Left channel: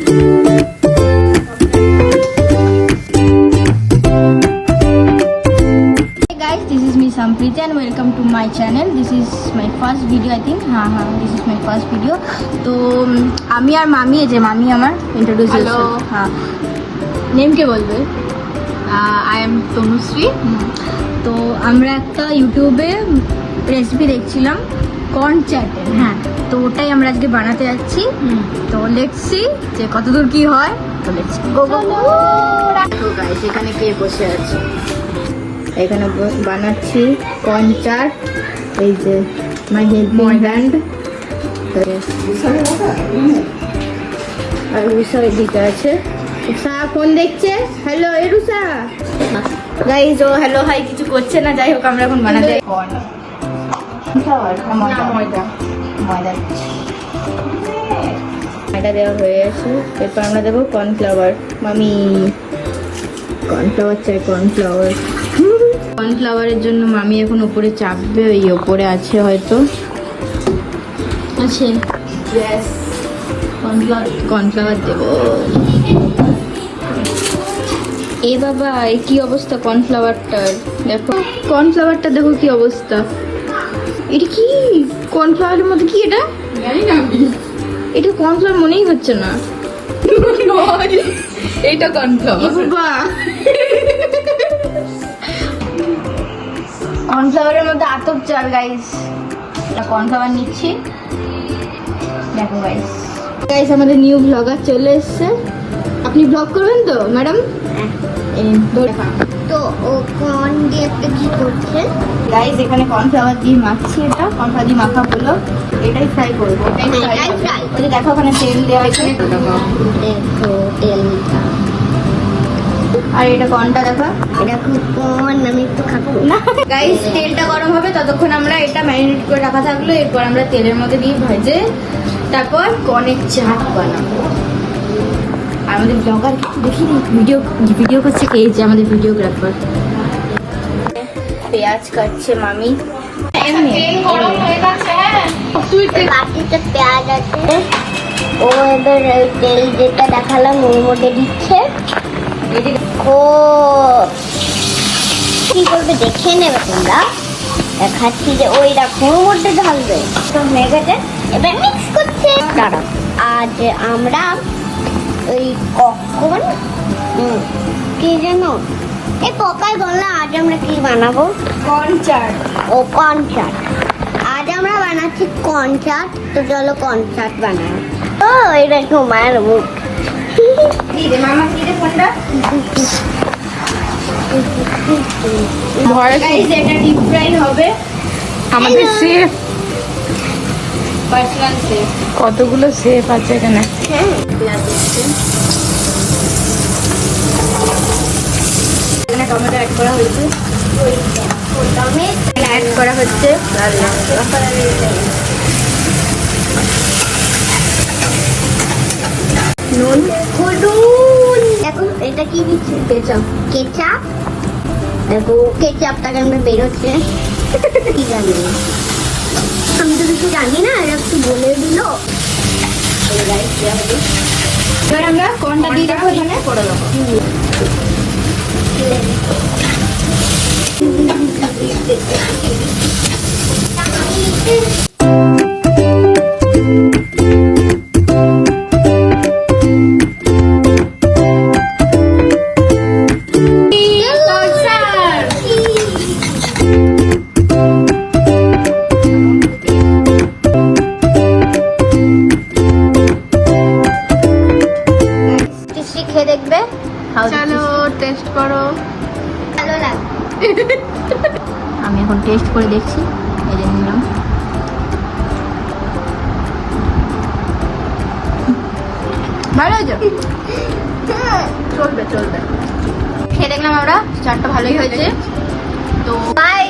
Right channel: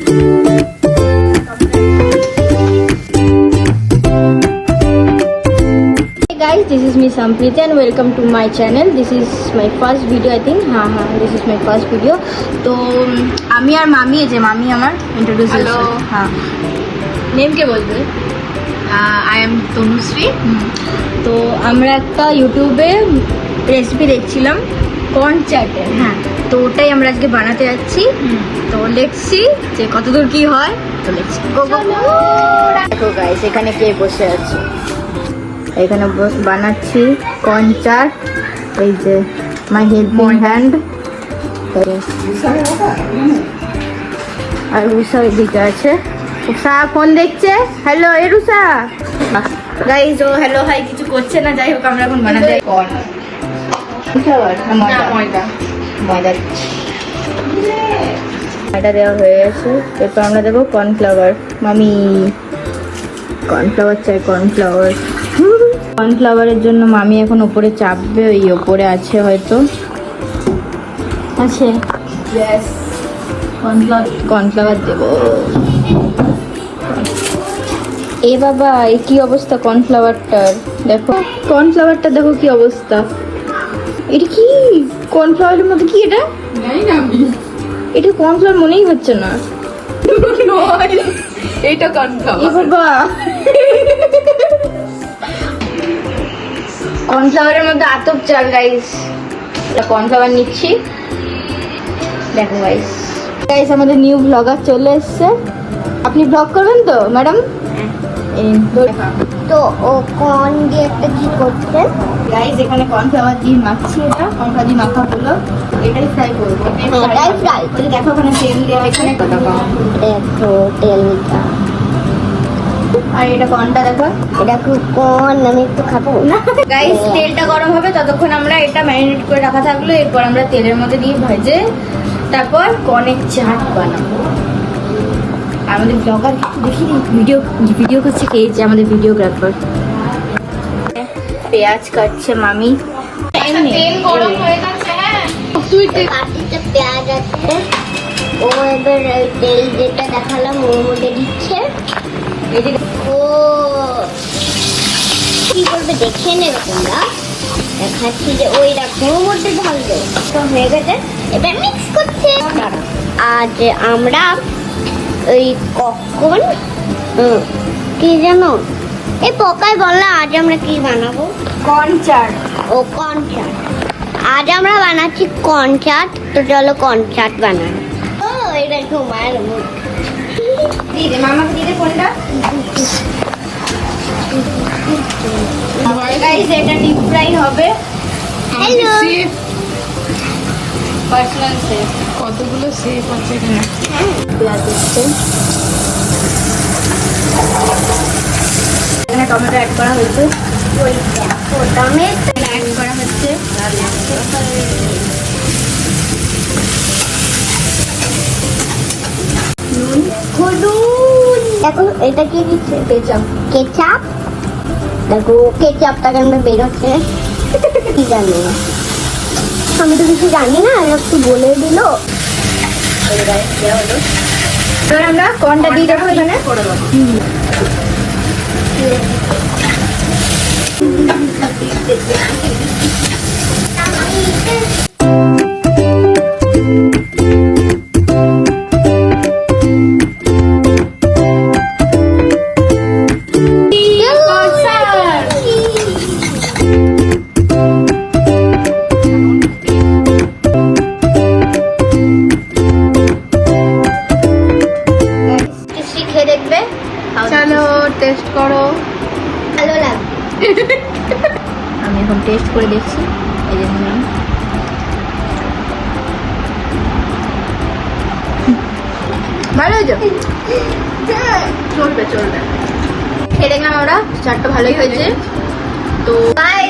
Guys, this is me Sampriti and welcome to my channel. This is my first video, I think. This is my first video. तो আমি আর মামি এই যে মামি আমার introduce hello হ্যাঁ নেম কে বলবে আই এম তনুশ্রী তো আমরা একটা ইউটিউবে রেসিপি দেখছিলাম কর্ন চাটের হ্যাঁ তো ওটাই আমরা আজকে বানাতে যাচ্ছি তো লেটস সি যে কতদূর কি হয় তো লেটস দেখো গাইস এখানে কে বসে আছে এখানে বানাচ্ছি কর্ন চাট এই যে মাই হেল্পিং হ্যান্ড আর রুষা এদিকে আছে রুষা ফোন দেখছে হ্যালো এ রুষা গাইস ও হ্যালো হাই কিছু করছে না যাই হোক আমরা এখন বানাতে কর্ন ময়দা দেওয়া হয়ে গেছে এরপর আমরা দেবো কর্নফ্লাওয়ার মামি কর্নফ্লাওয়ার চাই কর্নফ্লাওয়ারের জন্য মামি এখন ওপরে চাপবে ওই ওপরে আছে হয়তো আছে কর্নফ্লাওয়ার দেবো এ বাবা এ কি অবস্থা কর্নফ্লাওয়ারটার দেখো কর্নফ্লাওয়ারটা দেখো কি অবস্থা এটা কি কর্নফ্লাওয়ারের মধ্যে কি এটা এটা কর্নফ্লাওয়ার মনেই হচ্ছে না এইটা কর্নফ্লাওয়ার বাবা কর্নফ্লাওয়ারের মধ্যে আতপ চাল গাইস কর্নফ্লাওয়ার নিচ্ছি দেখো গাইস আমাদের নিউ ব্লগার চলে এসছে আপনি ব্লগ করবেন তো ম্যাডাম তো ও কর্ন দিয়ে একটা কি করছেন গাইস এখানে কর্নফ্লাওয়ার দিয়ে মাখছি এটা কর্নফ্লাওয়ার দিয়ে মাখা হলো এটাই ফ্রাই করবো গাইস দেখো ওখানে তেল দেওয়া এখানে দেখো তেলটা আর এটা কর্নটা দেখো এটা খুব কর্ন আমি একটু খাবো না গাইস তেলটা গরম হবে ততক্ষণ আমরা এটা ম্যারিনেট করে রাখা থাকলো এরপর আমরা তেলের মধ্যে দিয়ে ভেজে তারপর কর্নের চাট বানাবো আমাদের ব্লগার দেখি ভিডিও করছে কে যে আমাদের ভিডিওগ্রাফার পেঁয়াজ কাটছে মামি তেল গরম হয়ে গেছে পেঁয়াজ আছে ও এবার তেল যেটা দেখালাম ওর মধ্যে দিচ্ছে ও কি করবে দেখে নেবে তোমরা দেখাচ্ছি যে ওই দেখো ওর মধ্যে ঢালবে তো হয়ে গেছে এবার মিক্স করছে আজ আমরা ওই কখন কি জানো এই পকাই বললা আজ আমরা কি বানাবো কর্ন চাট ও কর্ন চাট আজ আমরা বানাচ্ছি কর্ন চাট তো চলো কর্ন চাট বানাই ও এটা তোমার মুখ দিদি মামা দিদি ফোনটা গাইস এটা ডিপ ফ্রাই হবে আমাদের সেফ পার্সোনাল সেফ কতগুলো সেফ আছে এখানে এখানে টমেটো অ্যাড করা হয়েছে অ্যাড করা হচ্ছে নুন হলুদ দেখো এটা কি দিচ্ছে কেচাপ দেখো কেচাপটাকে আমরা বেরোচ্ছে কি জানি না আমি তো কিছু জানি না একটু বলে দিল এবার আমরা কর্নটা দিয়ে দেবো এখানে করে দেবো আমি এখন টেস্ট করে দেখছি ভালো হয়েছে চলবে খেয়ে দেখলাম আমরা চাটটা ভালোই হয়েছে তো বাই।